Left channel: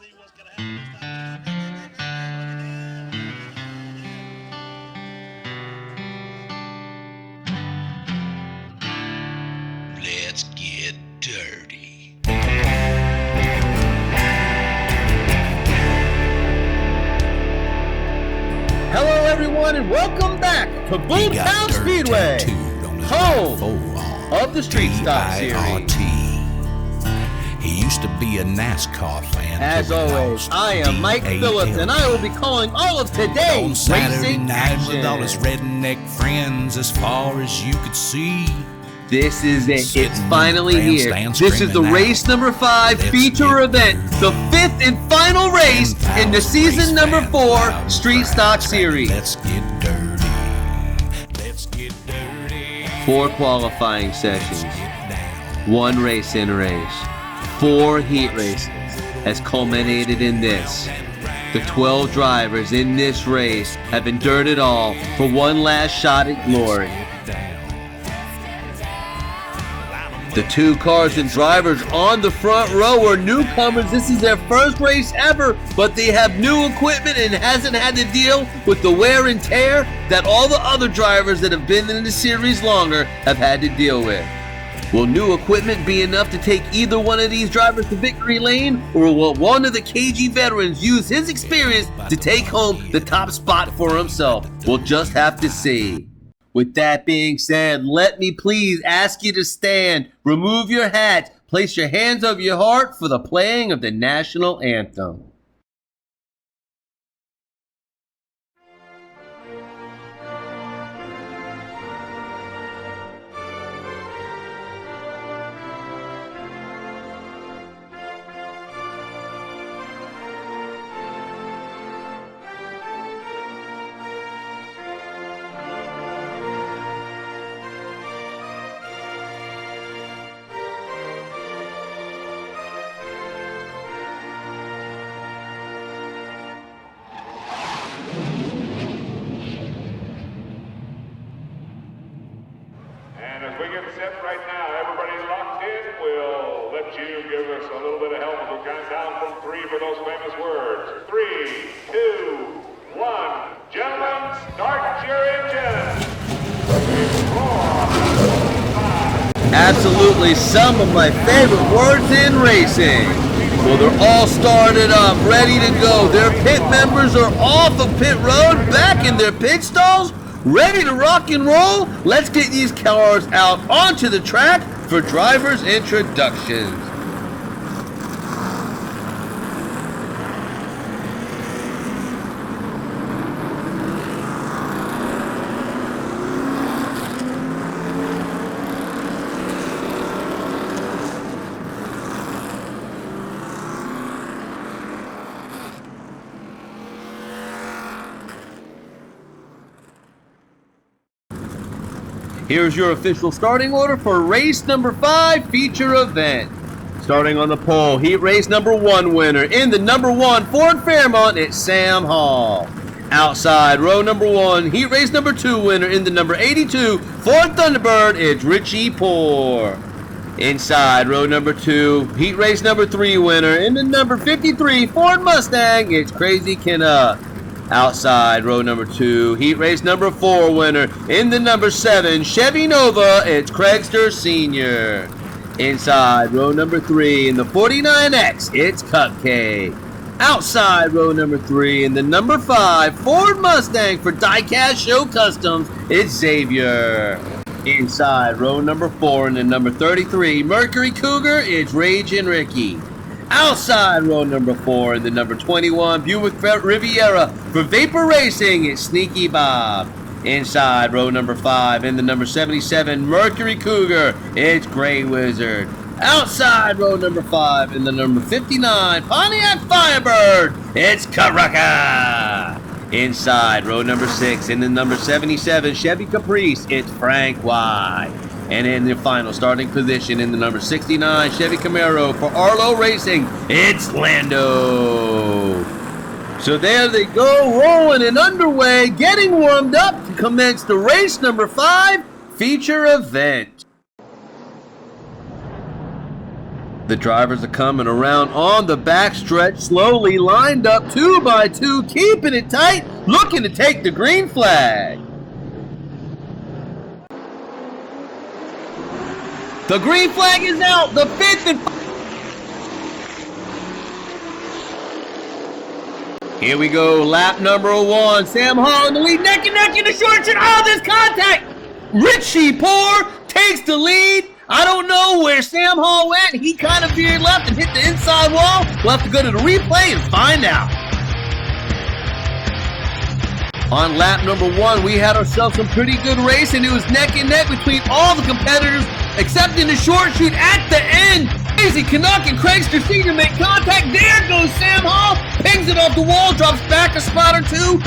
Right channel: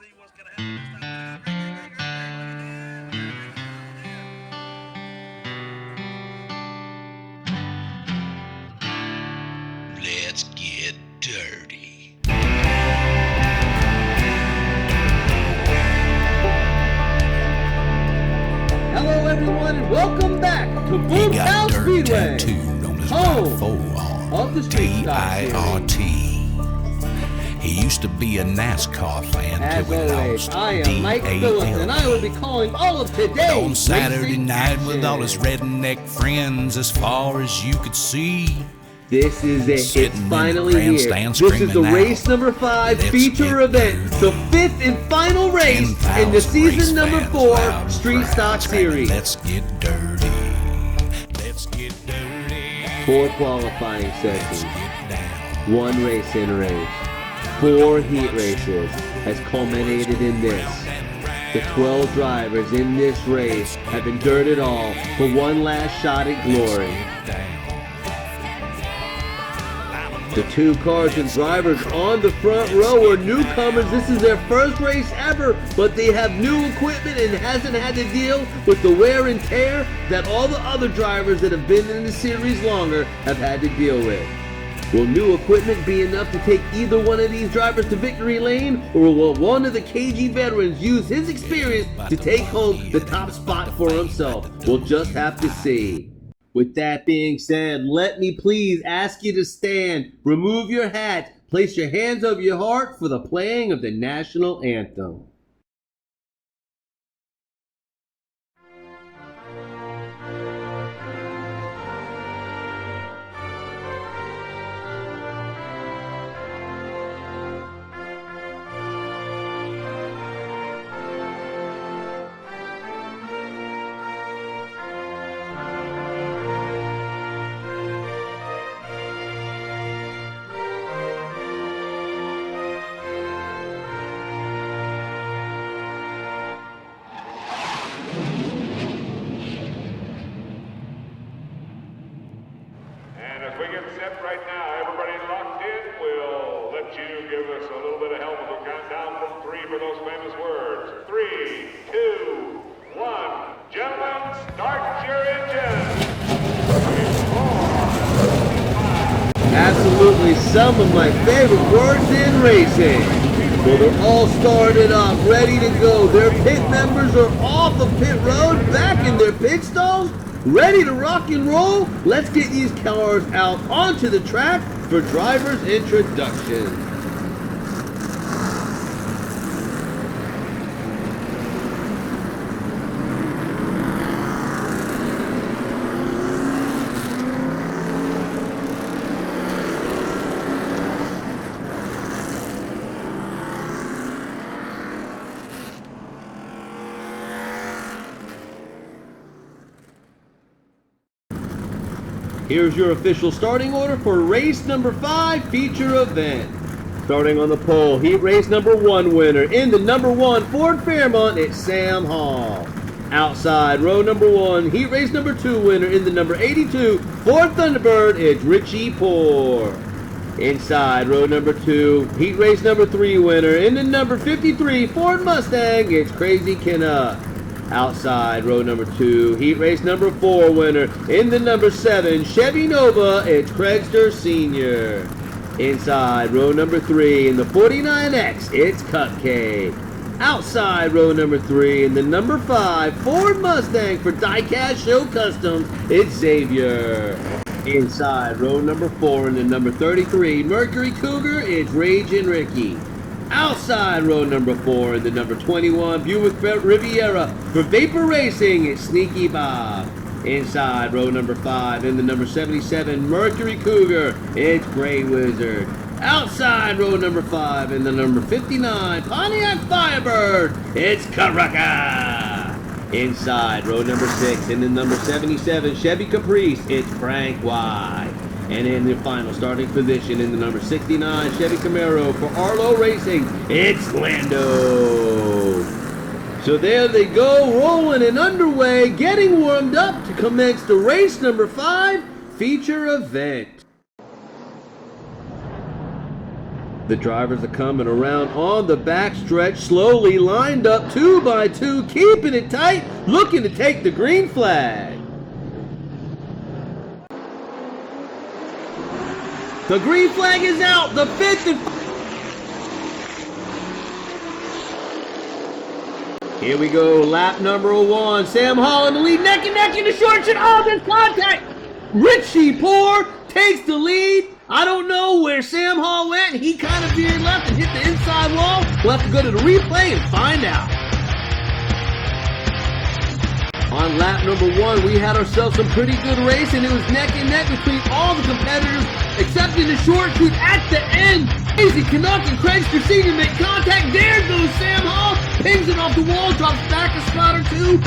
see what's going to happen this time. Let's get dirty. Hello, everyone, and welcome back to Boomtown Speedway, home of the Street Stock Series. He used to be a NASCAR fan. As always, I am Mike Phillips, and I will be calling all of today's on Saturday racing night action. with all his redneck friends as far as you could see. This is it. Sitting It's in the finally here. grandstand This is the screaming race out, number 5 "Let's feature get event, dirty." the 5th and final race in the 10,000 season race number fans 4 loud and Street proud, Stock screaming, Series. Let's get dirty. Let's get dirty. 4 qualifying Let's sessions, get down. 1 race in race, 4 heat races has culminated in this. The 12 drivers in this race have endured it all for one last shot at glory. The 2 cars and drivers on the front row are newcomers. This is their first race ever, but they have new equipment and hasn't had to deal with the wear and tear that all the other drivers that have been in the series longer have had to deal with. Will new equipment be enough to take either one of these drivers to victory lane, or will one of the KG veterans use his experience to take home the top spot for himself? We'll just have to see. With that being said, let me please ask you to stand, remove your hat, place your hands over your heart for the playing of the national anthem. And as we get set right now, everybody locked in. We'll let you give us a little bit of help as we count down from 3 for those famous words. 3, 2, 1. Gentlemen, start your engines. 5. Absolutely some of my favorite words in racing. Well, they're all started up, ready to go. Their pit members are off of pit road, back in their pit stalls, ready to rock and roll. Let's get these cars out onto the track for drivers' introductions. Here's your official starting order for race number 5 feature event. Starting on the pole, heat race number 1 winner in the number 1 Ford Fairmont, it's Sam Hall. Outside row number 1, heat race number 2 winner in the number 82 Ford Thunderbird, it's Richie Poor. Inside row number 2, heat race number 3 winner in the number 53 Ford Mustang, it's Crazy Kenna. Outside row number 2, heat race number 4 winner in the number 7 Chevy Nova, it's Craigster Sr. Inside row number 3 in the 49X, it's Cupcake. Outside row number 3 in the number 5 Ford Mustang for Diecast Show Customs, it's Xavier. Inside row number 4 in the number 33 Mercury Cougar, it's Ragin' Ricky. Outside row number 4 in the number 21 Buick Riviera for Vapor Racing, it's Sneaky Bob. Inside row number 5 in the number 77 Mercury Cougar, it's Gray Wizard. Outside row number 5 in the number 59 Pontiac Firebird, it's Karaka. Inside row number 6 in the number 77 Chevy Caprice, it's Frank Y. And in the final starting position in the number 69 Chevy Camaro for Arlo Racing, it's Lando. So there they go, rolling and underway, getting warmed up to commence the race number 5 feature event. The drivers are coming around on the backstretch, slowly lined up 2 by 2, keeping it tight, looking to take the green flag. The green flag is out, the 5th and here we go, lap number 1. Sam Hall in the lead, neck and neck in the short shot. Oh, there's contact. Richie Poor takes the lead. I don't know where Sam Hall went. He kind of veered left and hit the inside wall. We'll have to go to the replay and find out. On lap number 1, we had ourselves some pretty good racing. It was neck and neck between all the competitors, except in the short shoot at the end. Crazy Canuck and Craigster Sr. make contact. There goes Sam Hall. Pings it off the wall, drops back a spot or 2.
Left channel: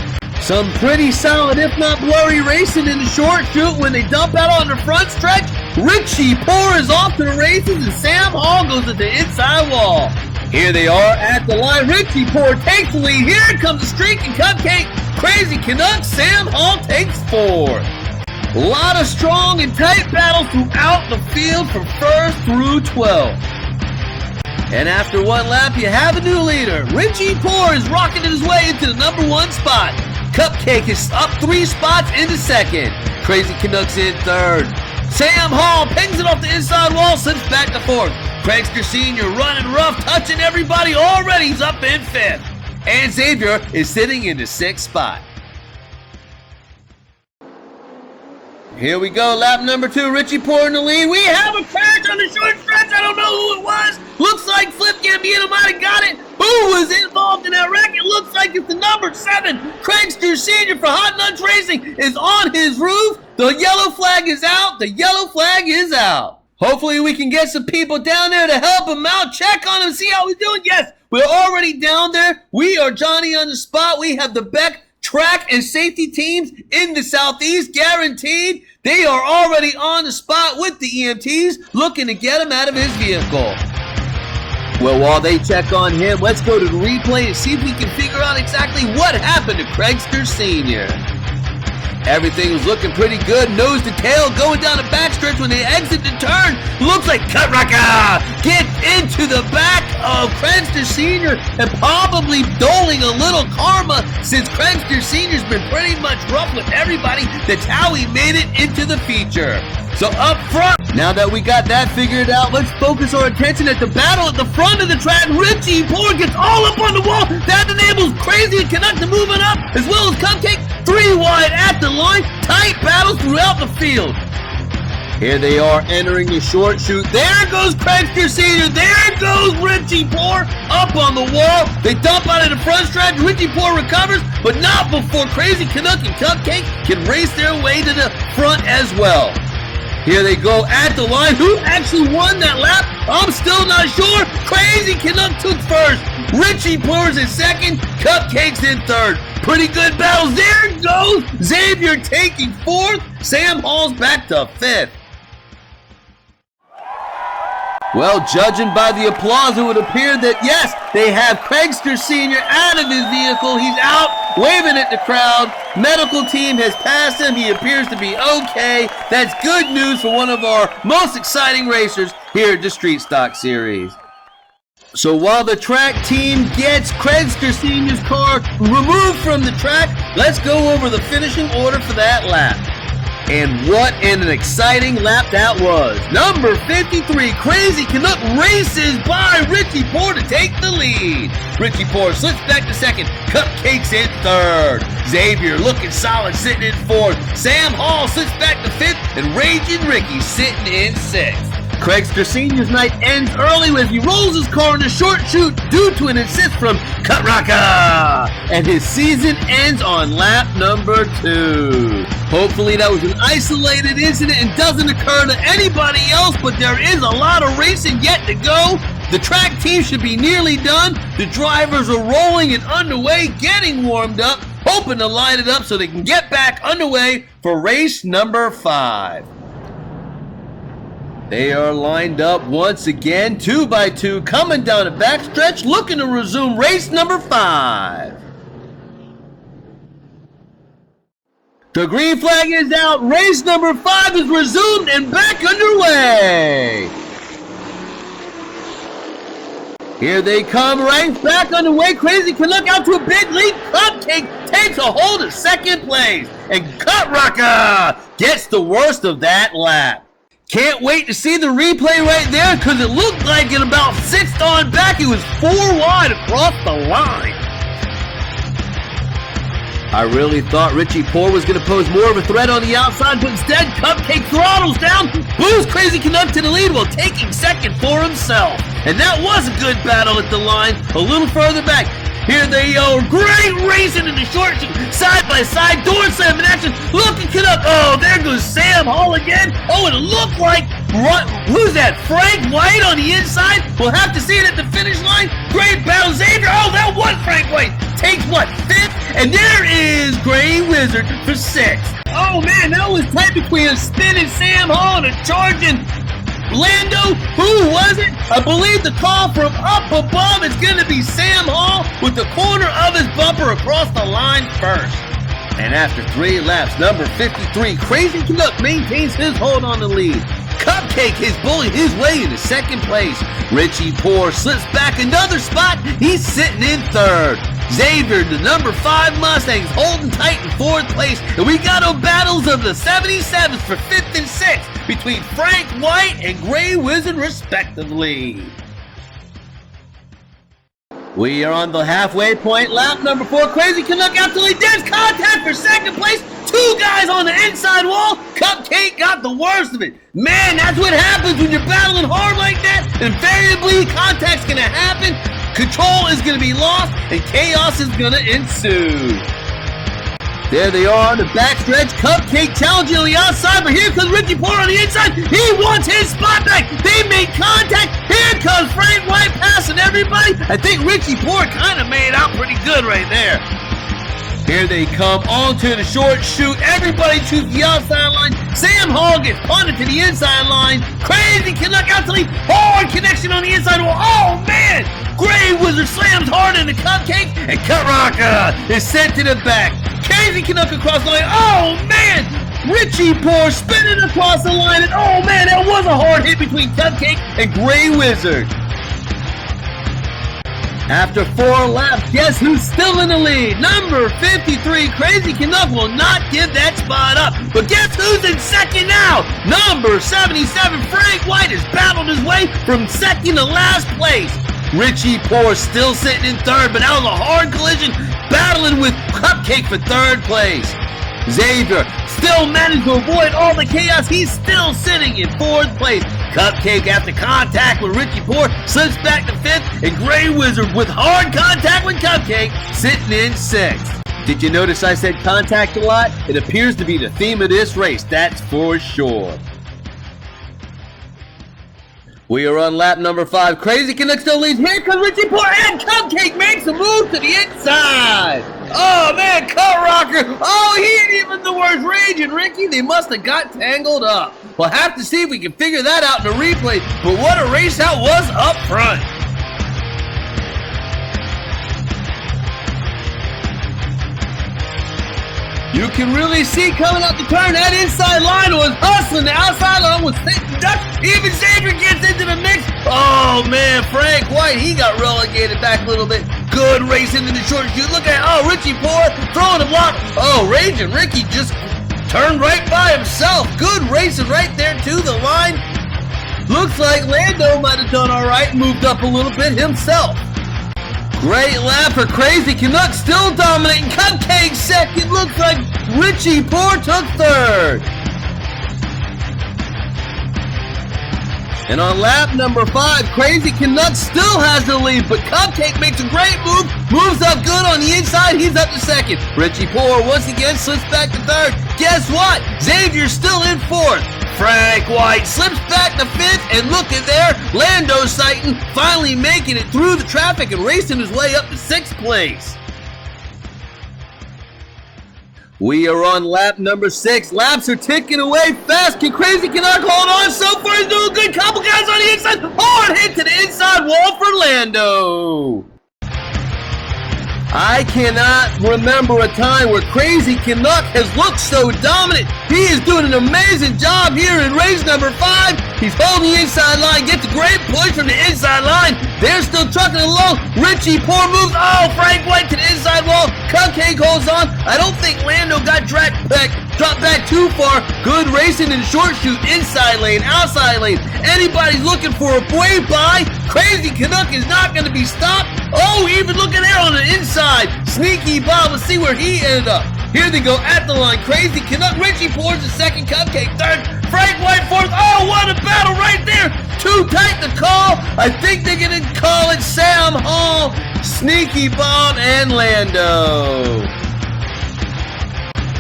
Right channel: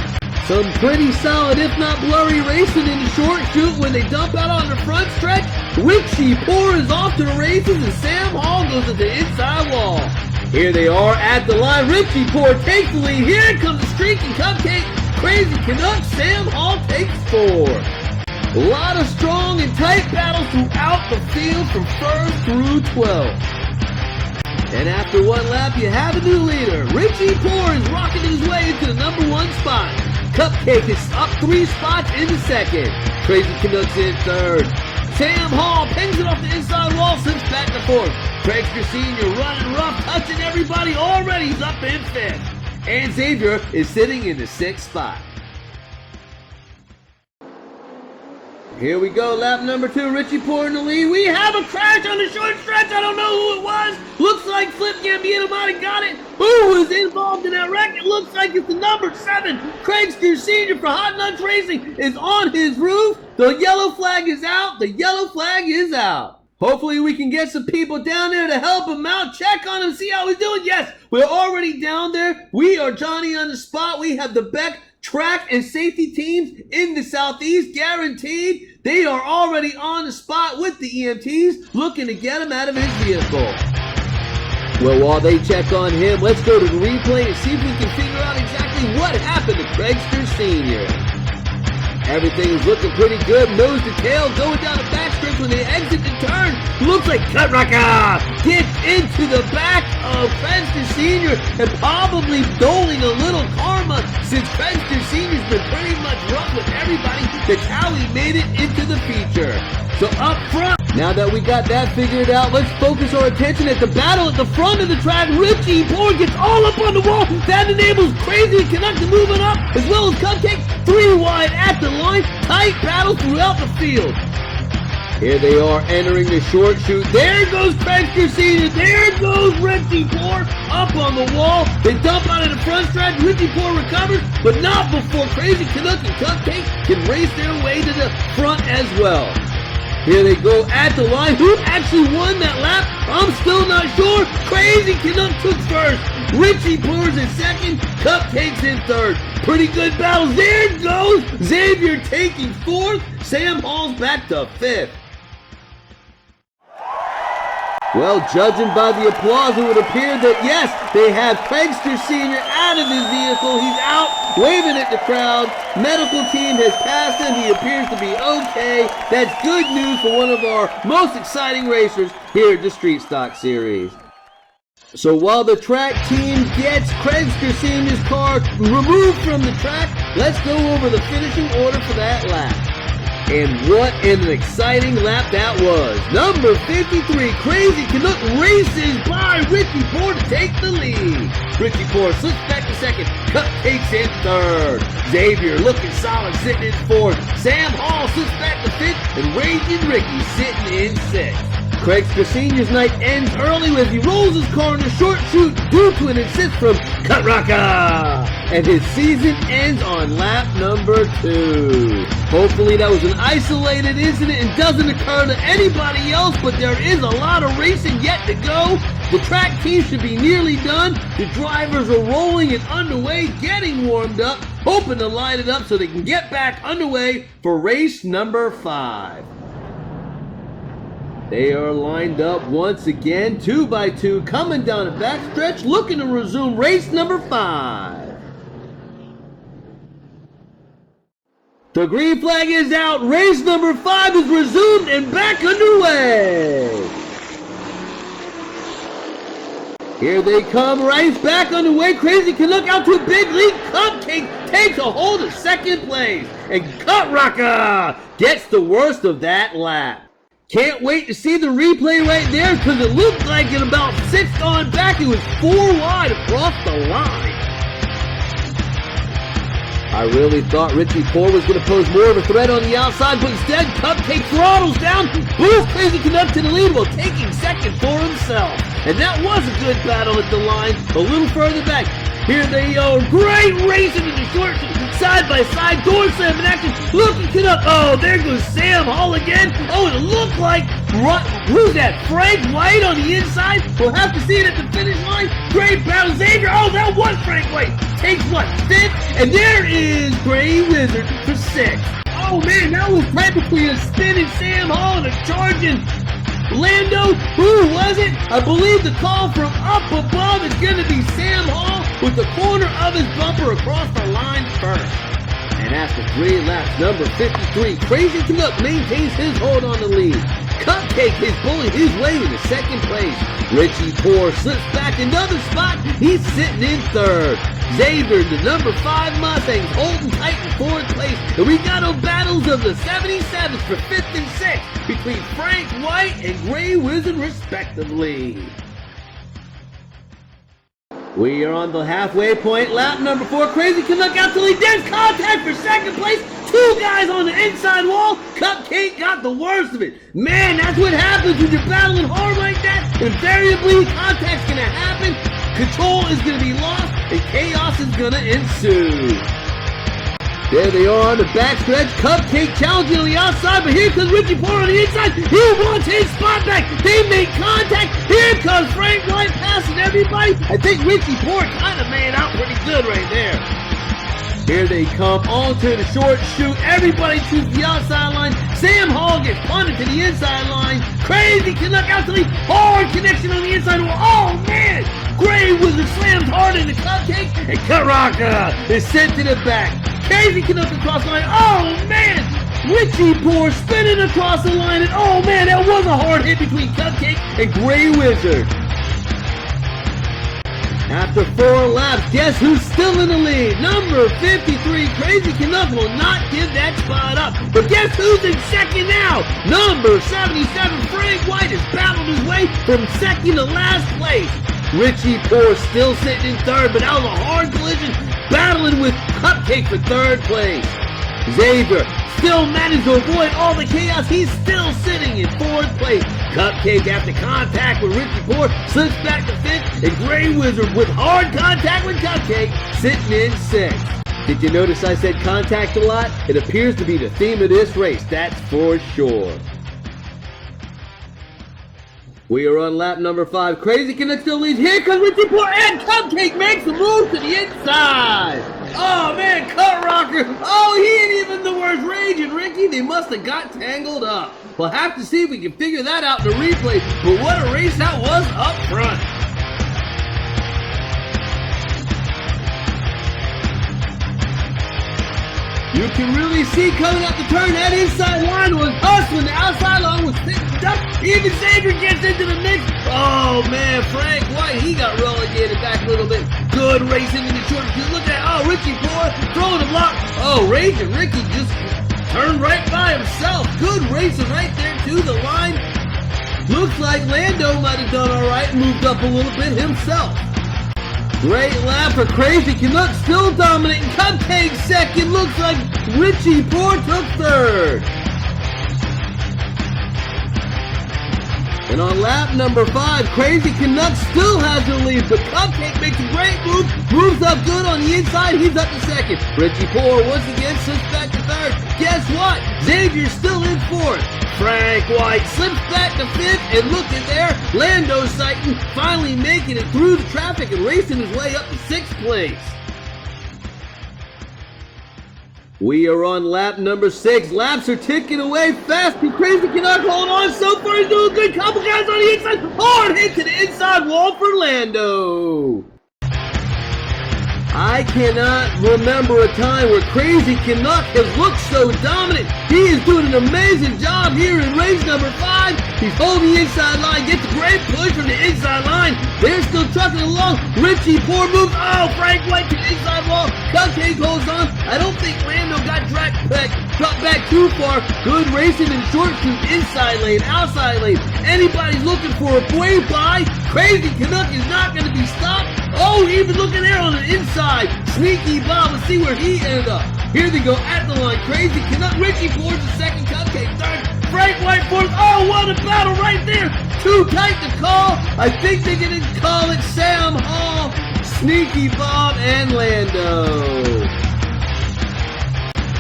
Some pretty solid, if not blurry, racing in the short shoot. When they dump out on the front stretch, Richie Poor is off to the races and Sam Hall goes to the inside wall. Here they are at the line. Richie Poor takes the lead. Here comes the streak and cupcake. Crazy Canuck, Sam Hall takes 4. A lot of strong and tight battles throughout the field from 1st through 12th. And after 1 lap, you have a new leader. Richie Poor is rocketing his way into the number 1 spot. Cupcake is up 3 spots into 2nd. Crazy Canucks in 3rd. Sam Hall pings it off the inside wall, slips back to 4th. Craigster Sr. running rough, touching everybody already. He's up in 5th. And Xavier is sitting in the 6th spot. Here we go, lap number 2, Richie Poor in the lead. We have a crash on the short stretch. I don't know who it was. Looks like Flip Gambino might have got it. Who was involved in that wreck? It looks like it's the number 7. Craigster Sr. for Hot Nuts Racing is on his roof. The yellow flag is out. The yellow flag is out. Hopefully we can get some people down there to help him out, check on him, see how he's doing. Yes, we're already down there. We are Johnny on the spot. We have the Beck track and safety teams in the Southeast, guaranteed. They are already on the spot with the EMTs, looking to get him out of his vehicle. Well, while they check on him, let's go to the replay and see if we can figure out exactly what happened to Craigster Sr. Everything was looking pretty good, nose to tail, going down the backstretch when they exit the turn. Looks like Cutraka gets into the back of Craigster Sr. and probably doling a little karma since Craigster Sr.'s been pretty much rough with everybody. That's how he made it into the feature. So up front, now that we got that figured out, let's focus our attention at the battle at the front of the track. Richie Poor gets all up on the wall. That enables Crazy Canuck to move it up, as well as Cupcake 3 wide at the line. Tight battles throughout the field. Here they are entering the short shoot. There goes Craigster Sr. There goes Richie Poor up on the wall. They dump out of the front stretch. Richie Poor recovers, but not before Crazy Canuck and Cupcake can race their way to the front as well. Here they go at the line. Who actually won that lap? I'm still not sure. Crazy Canuck took 1st. Richie Poor's in 2nd. Cupcake's in 3rd. Pretty good battles. There goes Xavier taking 4th. Sam Hall's back to 5th. Well, judging by the applause, it would appear that, yes, they have Craigster Sr. out of his vehicle. He's out, waving at the crowd. Medical team has passed him. He appears to be okay. That's good news for one of our most exciting racers here at the Street Stock Series. So while the track team gets Craigster Sr.'s car removed from the track, let's go over the finishing order for that lap. And what an exciting lap that was. Number 53, Crazy Canuck races by Richie Poor to take the lead. Richie Poor slips back to 2nd. Cupcake's in 3rd. Xavier looking solid, sitting in 4th. Sam Hall slips back to 5th. And Raging Ricky sitting in 6th. Craigster Sr.'s night ends early as he rolls his car in a short shoot due to an assist from Cutraka. And his season ends on lap number 2. Hopefully that was an isolated incident and doesn't occur to anybody else, but there is a lot of racing yet to go. The track team should be nearly done. The drivers are rolling and underway, getting warmed up, hoping to line it up so they can get back underway for race number 5. They are lined up once again, 2 by 2, coming down the backstretch, looking to resume race number 5. The green flag is out. Race number 5 is resumed and back underway. Here they come, right back on the way. Crazy Canuck out to a big lead. Cupcake takes a hold of second place. And Cut Rocker gets the worst of that lap. Can't wait to see the replay right there because it looked like in about 6th on back, it was 4 wide across the line. I really thought Richie Poor was going to pose more of a threat on the outside, but instead Cupcake throttles down, boosts Crazy Canuck to the lead while taking second for himself. And that was a good battle at the line, a little further back. Here they are, great racing in the short, side by side, door slam in action. Look at Canuck, oh, there goes Sam Hall again. Oh, it looked like, who's that, Frank White on the inside? We'll have to see it at the finish line. Great battle, Xavier, oh, that was Frank White. Takes what, 5th? And there is Gray Wizard for 6th. Oh man, that was tight between a spinning Sam Hall and a charging Lando. Who was it? I believe the call from up above is going to be Sam Hall with the corner of his bumper across the line first. And after 3 laps, number 53, Crazy Canuck maintains his hold on the lead. Cupcake is bullying his way into second place. Richie Poor slips back another spot. He's sitting in 3rd. Xavier, the number 5 Mustangs, holding tight in 4th place. And we got a battles of the 77s for 5th and 6th between Frank White and Gray Wizard respectively. We are on the halfway point. Lap number 4. Crazy Canuck out to lead. There's contact for second place. 2 guys on the inside wall. Cupcake got the worst of it. Man, that's what happens when you're battling hard like that. Invariably, contact's going to happen. Control is going to be lost. And chaos is going to ensue. There they are on the backstretch. Cupcake challenging on the outside, but here comes Richie Poor on the inside. He wants his spot back. They make contact. Here comes Frank White passing everybody. I think Richie Poor kind of made out pretty good right there. Here they come onto the short chute. Everybody to the outside line. Sam Hall gets punted to the inside line. Crazy Canuck out to lead. Hard connection on the inside wall. Oh, man. Gray Wizard slams hard into Cupcake, and Cut Rocker is sent to the back. Crazy Canuck across the line. Oh, man. Richie Poor spinning across the line. And oh, man, that was a hard hit between Cupcake and Gray Wizard. After 4 laps, guess who's still in the lead? Number 53, Crazy Canuck will not give that spot up. But guess who's in second now? Number 77, Frank White has battled his way from second to last place. Richie Poor still sitting in 3rd, but out of a hard collision, battling with Cupcake for 3rd place. Xavier still managed to avoid all the chaos. He's still sitting in 4th place. Cupcake, after contact with Richie Poor, slips back to 5th, and Gray Wizard with hard contact with Cupcake, sitting in 6th. Did you notice I said contact a lot? It appears to be the theme of this race, that's for sure. We are on lap number 5. Crazy Canuck still leads. Here comes Richie Poor, and Cupcake makes a move to the inside. Oh, man, Cut Rocker. Oh, he ain't even the worst. Rage and Ricky, they must have got tangled up. We'll have to see if we can figure that out in the replay, but what a race that was up front. You can really see coming up the turn, that inside line was hustling, the outside line was duck. Even Xavier gets into the mix. Oh man, Frank White, he got relegated back a little bit. Good racing in the short chute. Look at, oh, Richie Poor throwing a block. Oh, Rage and Ricky just turned right by himself. Good racing right there to the line. Looks like Lando might have done all right and moved up a little bit himself. Great lap for Crazy Canuck, still dominating. Cupcake second. Looks like Richie Poor took 3rd. And on lap number 5, Crazy Canuck still has the lead, but Cupcake makes a great move, moves up good on the inside, he's up to 2nd. Richie Poor once again slips back to 3rd. Guess what? Xavier's still in 4th. Frank White slips back to 5th, and look at there, Lando Sighton finally making it through the traffic and racing his way up to 6th place. We are on lap number 6. Laps are ticking away fast. Can Crazy Canuck hold on? So far he's doing good. Couple guys on the inside. Hard hit to the inside wall for Lando. I cannot remember a time where Crazy Canuck has looked so dominant. He is doing an amazing job here in race number 5. He's holding the inside line, gets a great push from the inside line. They're still trucking along. Richie Poor moves. Oh, Frank White to the inside wall. Cupcake holds on. I don't think Lando got dropped back too far. Good racing in the short shoot. Inside lane, outside lane. Anybody's looking for a way by. Crazy Canuck is not going to be stopped. Oh, even looking there on the inside. Sneaky Bob. Let's see where he ended up. Here they go at the line. Crazy Canuck. Richie Poor's the second. Cupcake third. Frank White fourth. Oh, what a battle right there. Too tight to call. I think they're going to call it Sam Hall, Sneaky Bob, and Lando.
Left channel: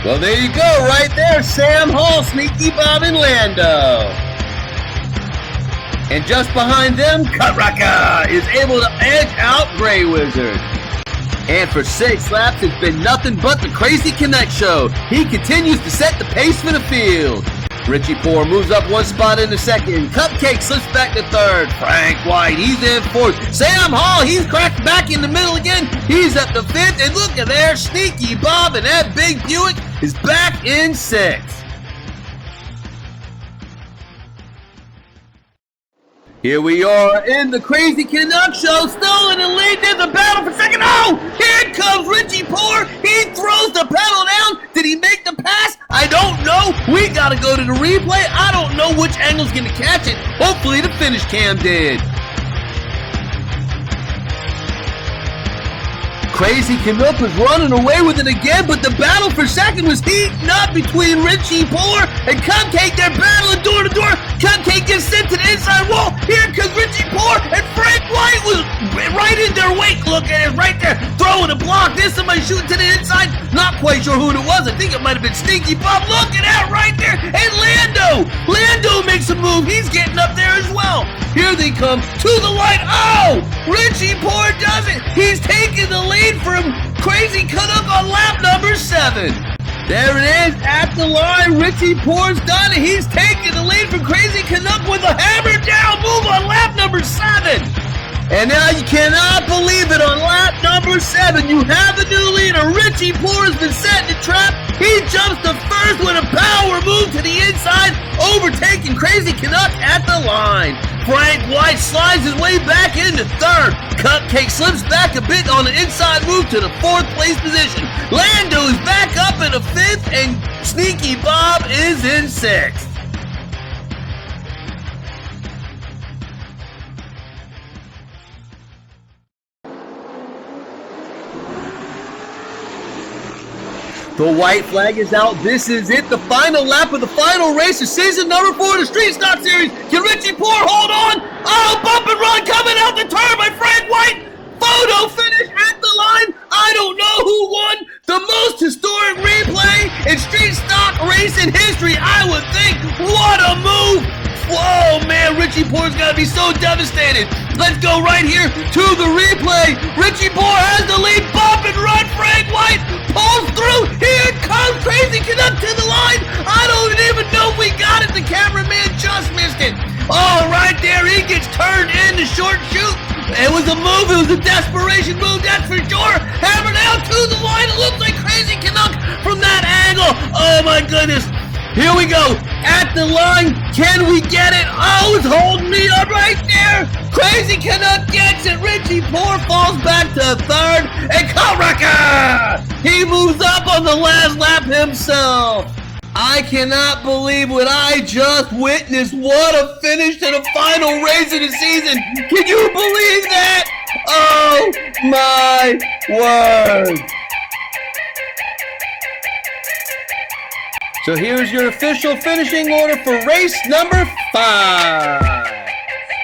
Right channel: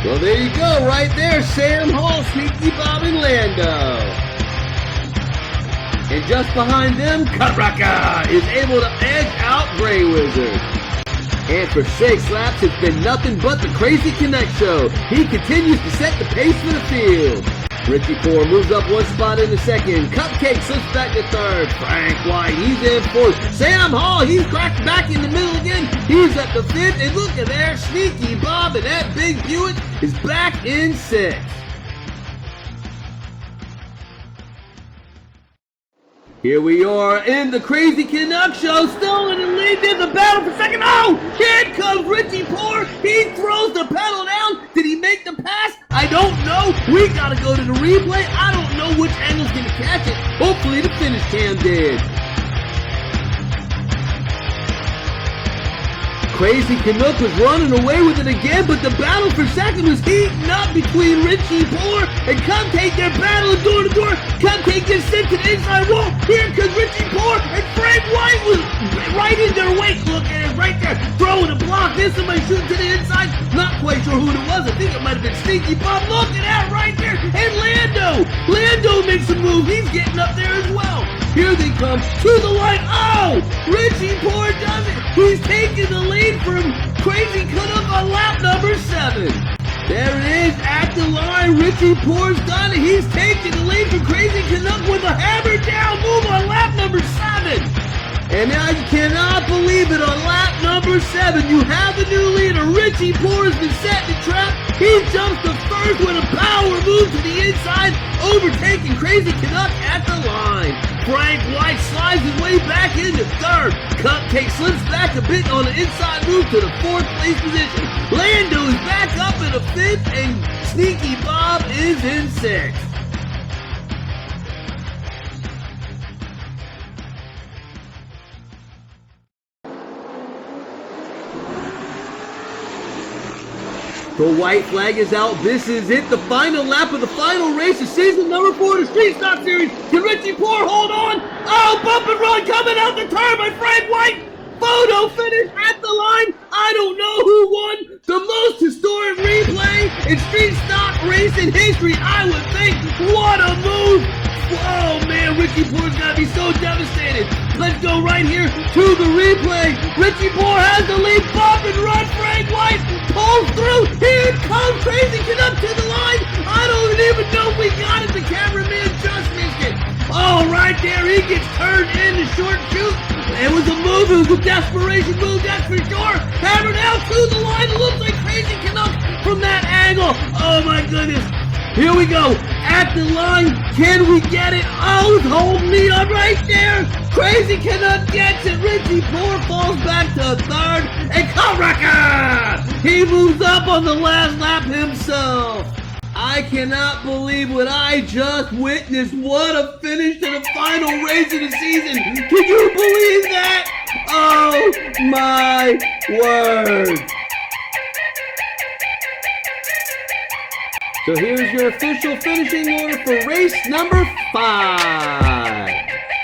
Well, there you go. Right there. Sam Hall, Sneaky Bob, and Lando. And just behind them, Kutraka is able to edge out Grey Wizard. And for 6 laps, it's been nothing but the Crazy Connect show. He continues to set the pace for the field. Richie Poor moves up 1 spot in the second. Cupcake slips back to third. Frank White, he's in fourth. Sam Hall, he's cracked back in the middle again. He's up to fifth. And look at there, Sneaky Bob, and that big Buick is back in 6th. Here we are in the Crazy Canuck show, still in the lead. There's a battle for second. Oh, here comes Richie Poor. He throws the pedal down. Did he make the pass? I don't know. We got to go to the replay. I don't know which angle's going to catch it. Hopefully the finish cam did. Crazy Canuck was running away with it again, but the battle for second was heating up between Richie Poor and Cupcake. They're battling door to door. Cupcake gets sent to the inside wall. Here comes Richie Poor, and Frank White was right in their wake. Look at it right there, throwing a block. There's somebody shooting to the inside. Not quite sure who it was. I think it might have been Sneaky Bob. Look at that right there. And Lando makes a move. He's getting up there as well. Here they come to the line. Oh, Richie Poor does it. He's taking the lead from Crazy Canuck on lap number 7. There it is at the line. Richie Poor's done it. He's taking the lead from Crazy Canuck with a hammer down move on lap number 7. And now you cannot believe it, on lap number 7, you have the new leader. Richie Poor has been set in the trap. He jumps to first with a power move to the inside, overtaking Crazy Canuck at the line. Frank White slides his way back into third. Cupcake slips back a bit on the inside move to the 4th place position. Lando is back up in a 5th, and Sneaky Bob is in 6th. The white flag is out. This is it. The final lap of the final race of season number 4 of the Street Stock Series. Can Richie Poor hold on? Oh, bump and run coming out the turn by Frank White. Photo finish at the line. I don't know who won the most historic replay in Street Stock racing history. I would think, what a move. Whoa, man, Richie Poor's got to be so devastated. Let's go right here to the replay. Richie Poor has the lead. Bump and run. Frank White pulls through. Here comes Crazy Canuck to the line. I don't even know if we got it. The cameraman just missed it. Oh, right there. He gets turned in the short shoot. It was a move. It was a desperation move, that's for sure. Hammered out to the line. It looks like Crazy Canuck from that angle. Oh, my goodness. Here we go, at the line, can we get it? Oh, it's holding me up right there. Crazy Canuck gets it. Richie Poor falls back to third, and Kutraka, he moves up on the last lap himself. I cannot believe what I just witnessed. What a finish to the final race of the season. Can you believe that? Oh, my word. So here's your official finishing order for race number 5.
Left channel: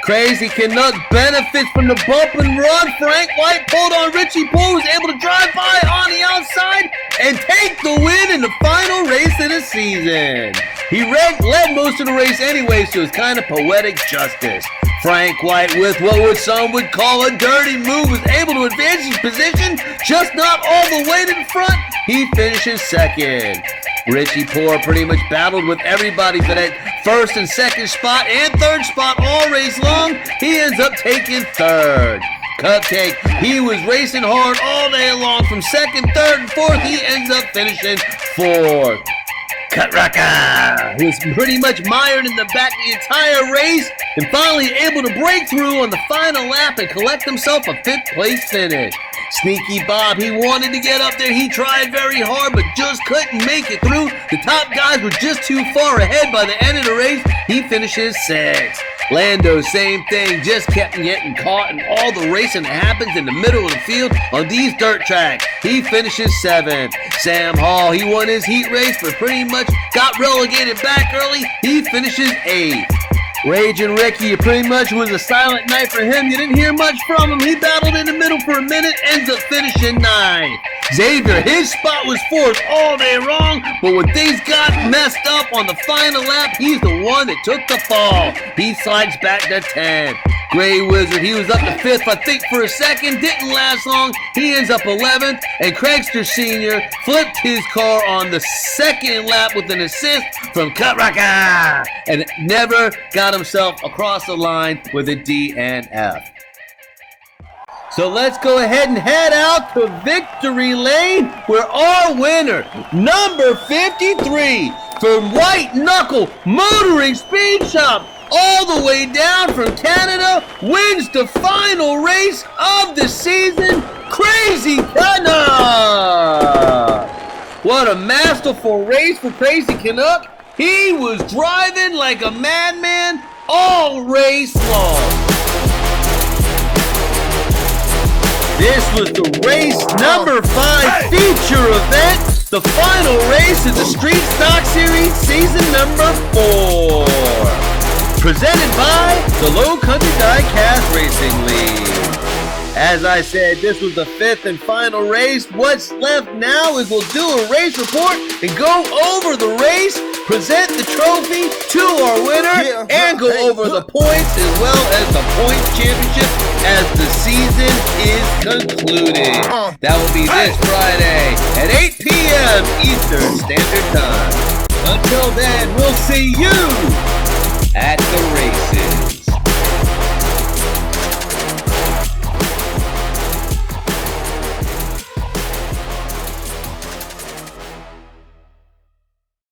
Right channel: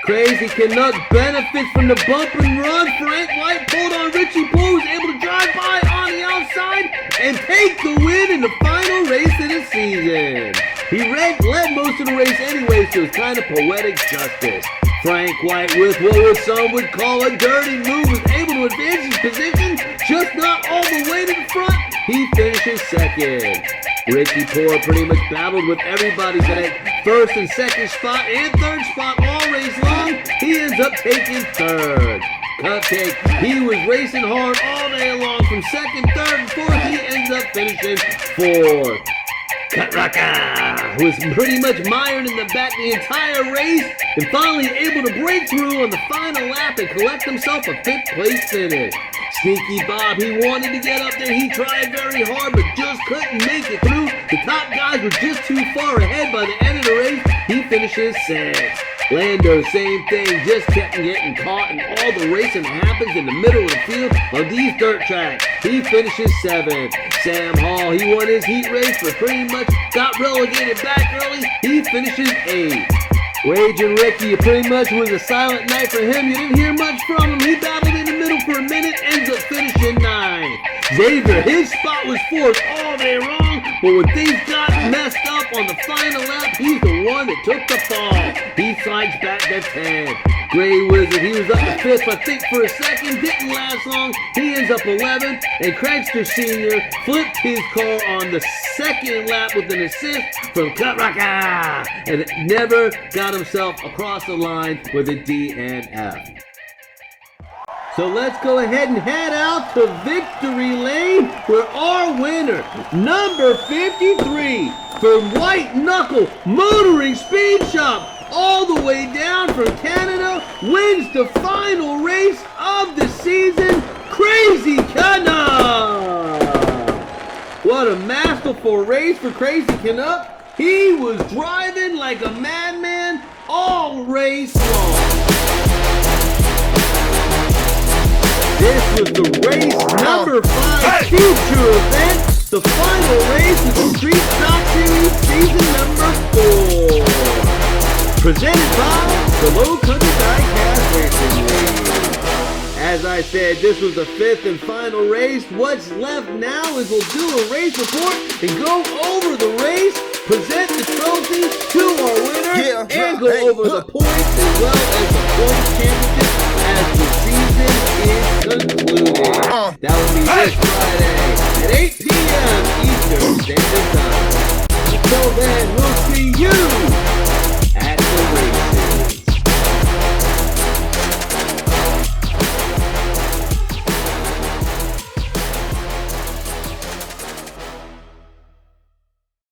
Crazy Canuck benefits from the bump and run. Frank White pulled on Richie Poor, was able to drive by on the outside and take the win in the final race of the season. He led most of the race anyway, so it's kind of poetic justice. Frank White, with what some would call a dirty move, was able to advance his position, just not all the way to the front. He finishes second. Richie Poor pretty much battled with everybody for that first and second spot and third spot all race long. He ends up taking third. Cupcake, he was racing hard all day long from second, third, and fourth. He ends up finishing fourth. Cutraka, who was pretty much mired in the back the entire race and finally able to break through on the final lap and collect himself a 5th place finish. Sneaky Bob, he wanted to get up there. He tried very hard, but just couldn't make it through. The top guys were just too far ahead by the end of the race. He finishes 6th. Lando, same thing, just kept getting caught in all the racing that happens in the middle of the field on these dirt tracks. He finishes 7th. Sam Hall, he won his heat race, but pretty much got relegated back early. He finishes 8th. Raging Ricky, it pretty much was a silent night for him. You didn't hear much from him. He battled in the middle for a minute, ends up finishing 9th. Xavier, his spot was 4th all day long, but when things got messed up on the final lap, he's the one that took the fall. He slides back to 10th. Gray Wizard, he was up to 5th, I think, for a second. Didn't last long. He ends up 11th. And Craigster Sr. flipped his car on the 2nd lap with an assist from Cutraka and never got himself across the line with a DNF. So let's go ahead and head out to Victory Lane, where our winner, number 53, from White Knuckle Motoring Speed Shop, all the way down from Canada, wins the final race of the season, Crazy Canuck! What a masterful race for Crazy Canuck. He was driving like a madman all race long. This was the race number 5 feature event, the final race of the Street Stock Series season number 4. Presented by the Low Country Diecast Racing League. As I said, this was the 5th and final race. What's left now is we'll do a race report and go over the race, present the trophy to our winner, and go over the points as well as the points championship as the season is concluded. That will be this Friday at 8 p.m. Eastern Standard Time. Until then, we'll see you at the